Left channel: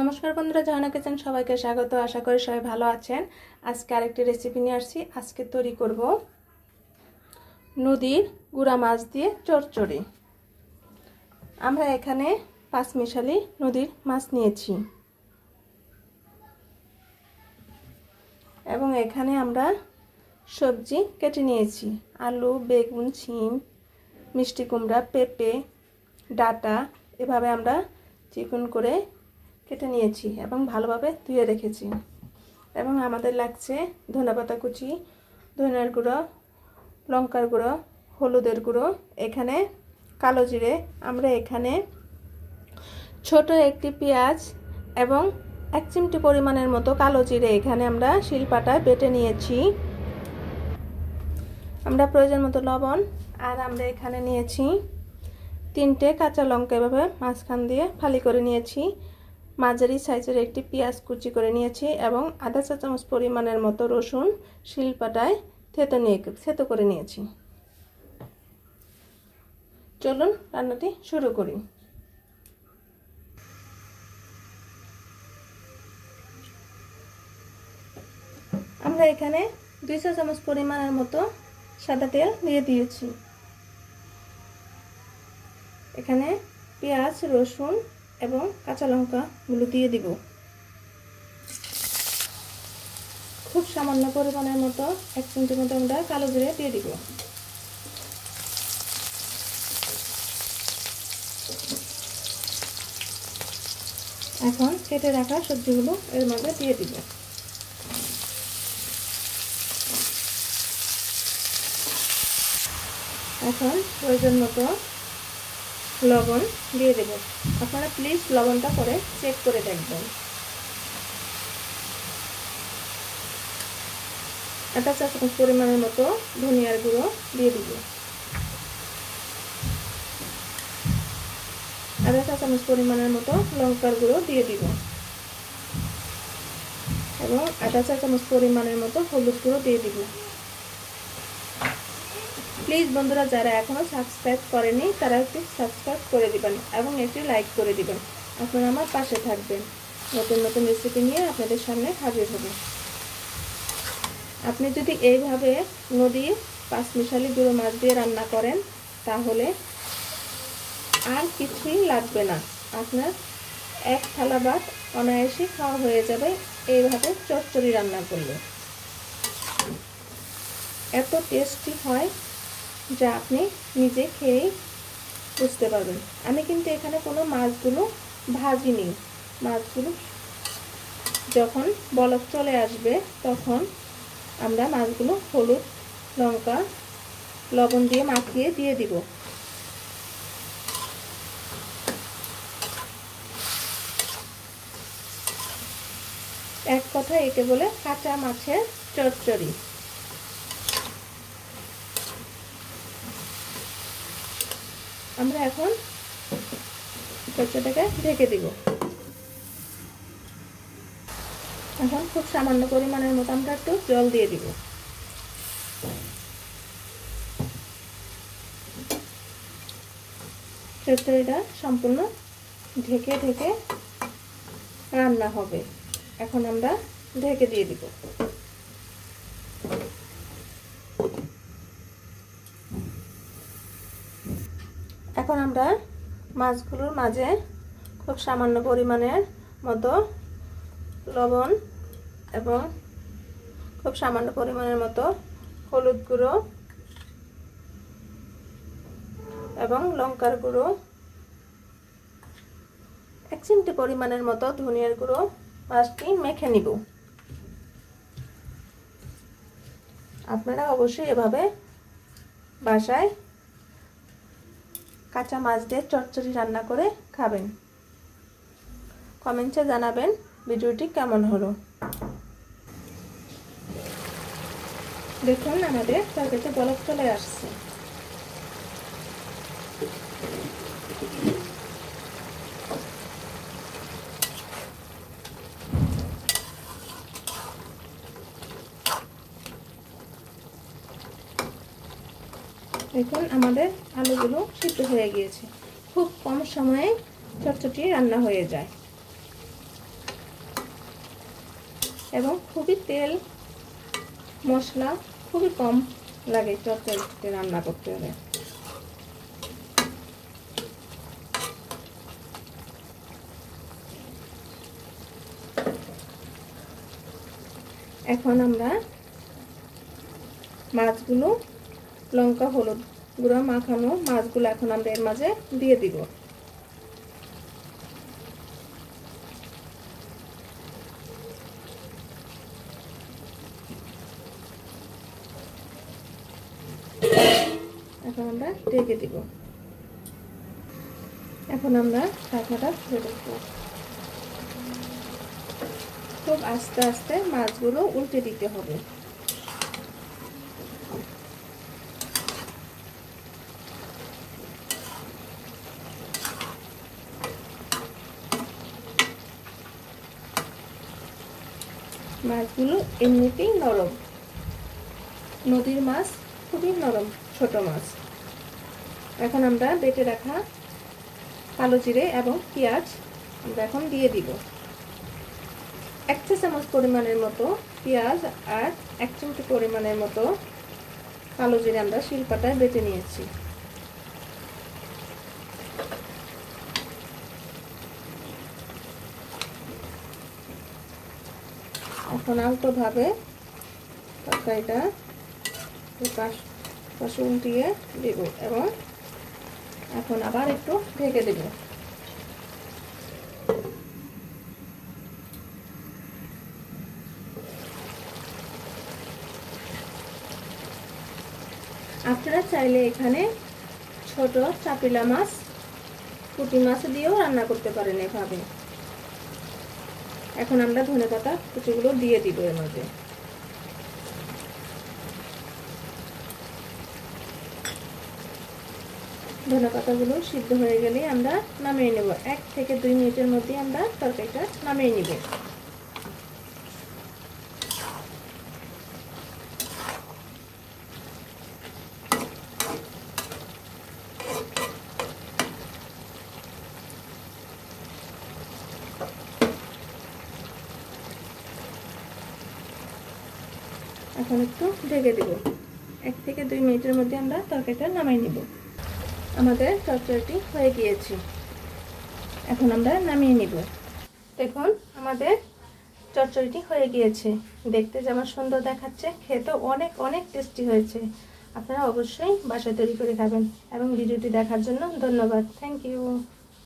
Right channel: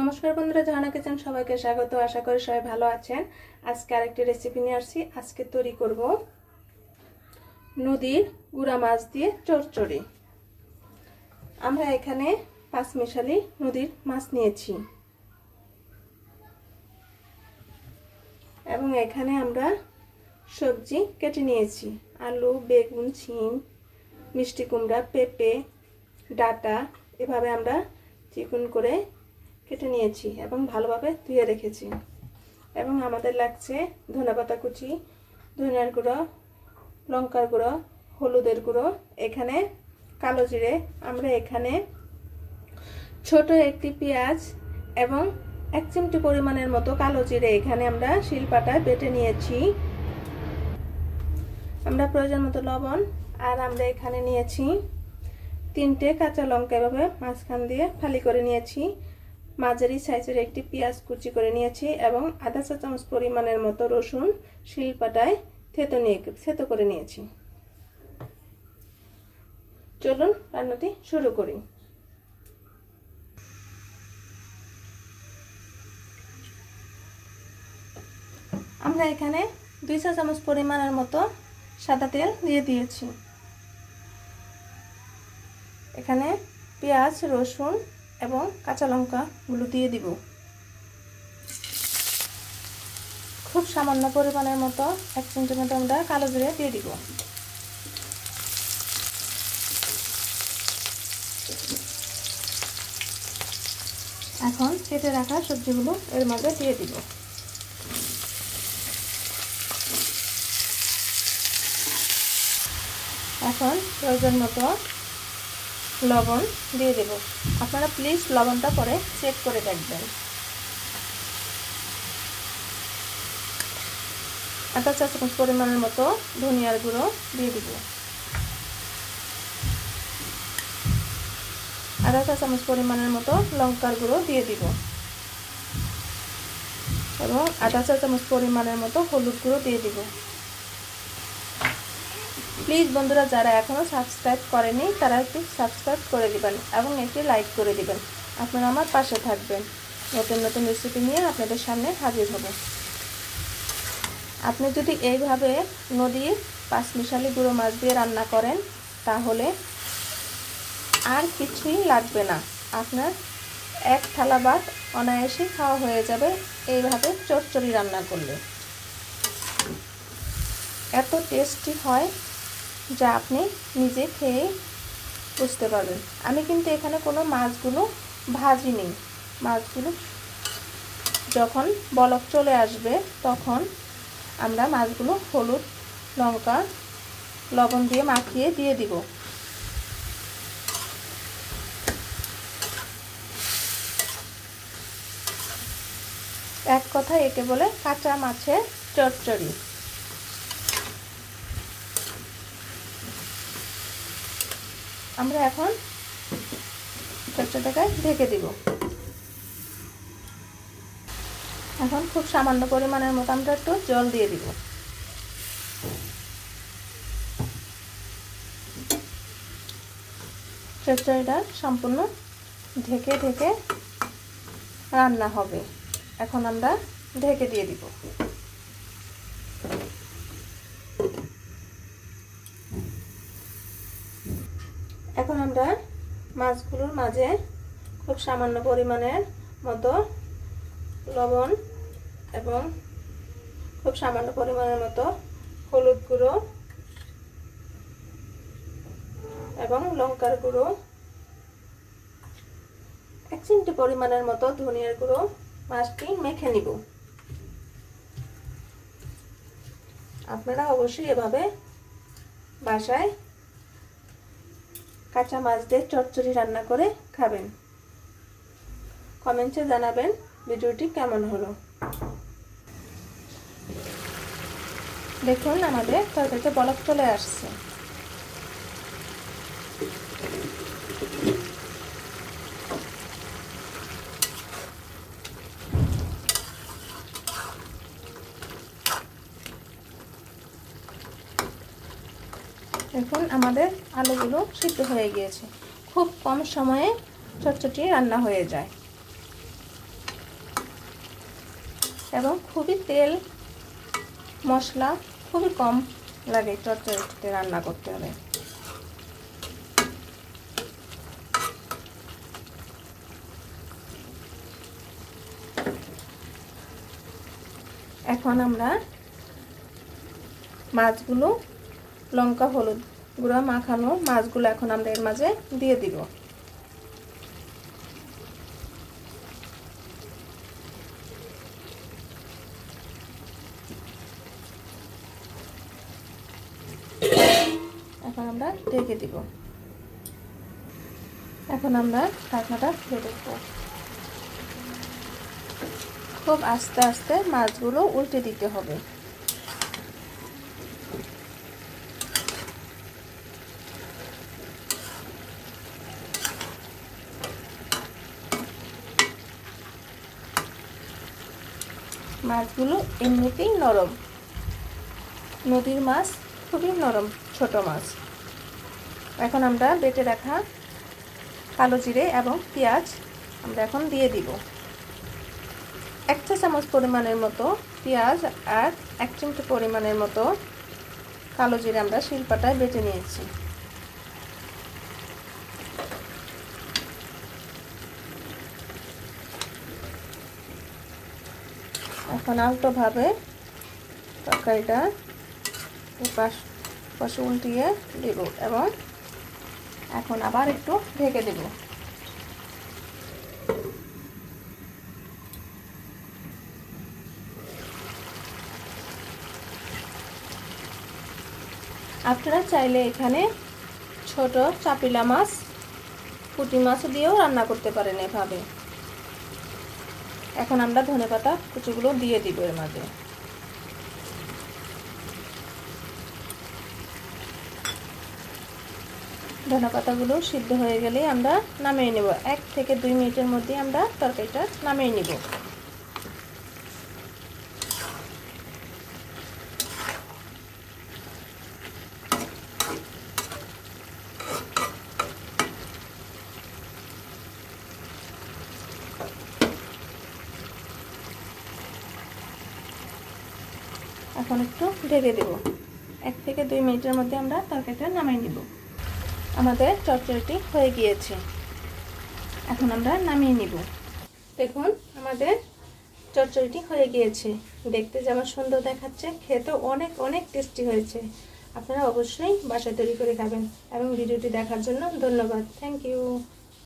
নমস্কার বন্ধুরা, জাহানা কিচেন সবাইকে স্বাগত। আশা করি সবাই ভালো আছেন। আজকে আরেকটি রেসিপি নিয়ে আসছি। আজকে তৈরি করব নদীর গুড়া মাছ দিয়ে চচ্চড়ি। আমরা এখানে পাঁচমিশালি নদীর মাছ নিয়েছি এবং এখানে আমরা সবজি কেটে নিয়েছি। আলু, বেগুন, শিম, মিষ্টি কুমড়া, পেঁপে, ডাঁটা এভাবে আমরা চিকন করে কেটে নিয়েছি এবং ভালোভাবে ধুয়ে রেখেছি। এবং আমাদের লাগছে ধনেপাতা কুচি, ধনের গুঁড়ো, লঙ্কার গুঁড়ো, হলুদের গুঁড়ো, এখানে কালো জিরে। আমরা এখানে ছোট একটি পেঁয়াজ এবং 1 চিমটি পরিমাণের মতো কালো জিরে এখানে আমরা শিলপাটায় বেটে নিয়েছি। আমরা প্রয়োজন মতো লবণ, আর আমরা এখানে নিয়েছি 3টে কাঁচা লঙ্কা এভাবে মাঝখান দিয়ে ফালি করে নিয়েছি। মাঝারি সাইজের একটি পেঁয়াজ কুচি করে নিয়েছি এবং আধা চা চামচ পরিমাণের মতো রসুন শিলপাটায় থেতো করে নিয়েছি। চলুন রান্নাটি শুরু করি। আমরা এখানে 2 চা চামচ পরিমাণের মতো সাদা তেল দিয়ে দিয়েছি। এখানে পেঁয়াজ, রসুন এবং কাঁচা লঙ্কা গুলো দিয়ে দিব। খুব সামান্য পরিমাণের মতো 1 চিমটি মতো আমরা কালো জিরে দিয়ে দিব। এখন কেটে রাখা সবজিগুলো এর মধ্যে দিয়ে দিব। এখন প্রয়োজন মতো লবণ দিয়ে দেব। আপনারা প্লিজ লবণটা পরে চেক করে দেখবেন। আধা চা চামচ পরিমাণের মতো ধনিয়ার গুঁড়ো দিয়ে দিব। আধা চা চামচ পরিমাণের মতো লঙ্কার গুঁড়ো দিয়ে দিব এবং আধা চা চামচ পরিমাণের মতো হলুদ গুঁড়ো দিয়ে দিব। প্লিজ বন্ধুরা, যারা এখনো সাবস্ক্রাইব করেনি তারা একটু সাবস্ক্রাইব করে দিবেন এবং একটু লাইক করে দিবেন। আপনারা আমার পাশে থাকবেন। নতুন নতুন রেসিপি নিয়ে আপনাদের সামনে হাজির হবে। আপনি যদি এইভাবে নদীর পাঁচমিশালি গুঁড়ো মাছ দিয়ে রান্না করেন তাহলে আর কিছুই লাগবে না। আপনার 1 থালা ভাত অনায়াসে খাওয়া হয়ে যাবে এইভাবে চচ্চড়ি রান্না করলে। এত টেস্টি হয় যা আপনি নিজে খেয়ে বুঝতে পারবেন। আমি কিন্তু এখানে কোনো মাছগুলো ভাজিনি। মাছগুলো যখন বলক চলে আসবে তখন আমরা মাছগুলো হলুদ, লঙ্কা, লবণ দিয়ে মাখিয়ে দিয়ে দিব। এক কথা একে বলে কাঁচা মাছের চচ্চড়ি। আমরা এখন চচ্চড়িটাকে ঢেকে দিব। এখন খুব সামান্য পরিমাণের মতো আমরা একটু জল দিয়ে দিব। চচ্চড়িটা সম্পূর্ণ ঢেকে ঢেকে রান্না হবে। এখন আমরা ঢেকে দিয়ে দিব। এখন আমরা মাছগুলোর মাঝে খুব সামান্য পরিমাণের মতো লবণ এবং খুব সামান্য পরিমাণের মতো হলুদ গুঁড়ো এবং লঙ্কার গুঁড়ো, 1 চিমটি পরিমাণের মতো ধনিয়ার গুঁড়ো মাছটি মেখে নিব। আপনারা অবশ্যই এভাবে বাসায় কাঁচা মাছ দিয়ে চচ্চড়ি রান্না করে খাবেন। কমেন্টে জানাবেন ভিডিওটি কেমন হলো। দেখুন আমাদের তরকারিতে বলক চলে আসছে। দেখুন আমাদের আলুগুলো সিদ্ধ হয়ে গিয়েছে। খুব কম সময়ে চচ্চড়ি রান্না হয়ে যায়। এবং খুবই তেল মশলা খুবই কম লাগে চচ্চড়িতে রান্না করতে হলে। এখন আমরা মাছগুলো লঙ্কা হলুদ গুঁড়া মাখানো মাছগুলো এখন আমরা এর মাঝে দিয়ে দিব। এখন আমরা ঢেকে দিব। এখন আমরা ঢাকনাটা খুলে দেব। খুব আস্তে আস্তে মাছগুলো উল্টে দিতে হবে। মাছগুলো এমনিতেই নরম, নদীর মাছ খুবই নরম ছোট মাছ। এখন আমরা বেটে রাখা কালো জিরে এবং পেঁয়াজ আমরা এখন দিয়ে দিব। 1 চা চামচ পরিমাণের মতো পেঁয়াজ আর 1 চিমটি পরিমাণের মতো কালো জিরে আমরা শিলপাটায় বেটে নিয়েছি। এখন আলতোভাবে তরকারিটা পাশে উল্টিয়ে দেব এবং এখন আবার একটু ঢেকে দেব। আপনারা চাইলে এখানে ছোট চাপিলা মাছ পুঁটি মাছ দিয়েও রান্না করতে পারেন এভাবে। এখন আমরা ধনেপাতা কুচিগুলো দিয়ে দিব এর মাঝে। ধনেপাতাগুলো সিদ্ধ হয়ে গেলে আমরা নামিয়ে নেব। 1 থেকে 2 মিনিটের মধ্যে আমরা তরকারিটা নামিয়ে নিব। এখন একটু ঢেকে দেব। 1 থেকে 2 মিনিটের মধ্যে আমরা তরকারিটা নামিয়ে নিব। আমাদের চচ্চড়িটি হয়ে গিয়েছে। এখন আমরা নামিয়ে নিব। দেখুন আমাদের চচ্চড়িটি হয়ে গিয়েছে। দেখতে যেমন সুন্দর দেখাচ্ছে, খেতেও অনেক অনেক টেস্টি হয়েছে। আপনারা অবশ্যই বাসায় তৈরি করে খাবেন এবং ভিডিওটি দেখার জন্য ধন্যবাদ। Thank you.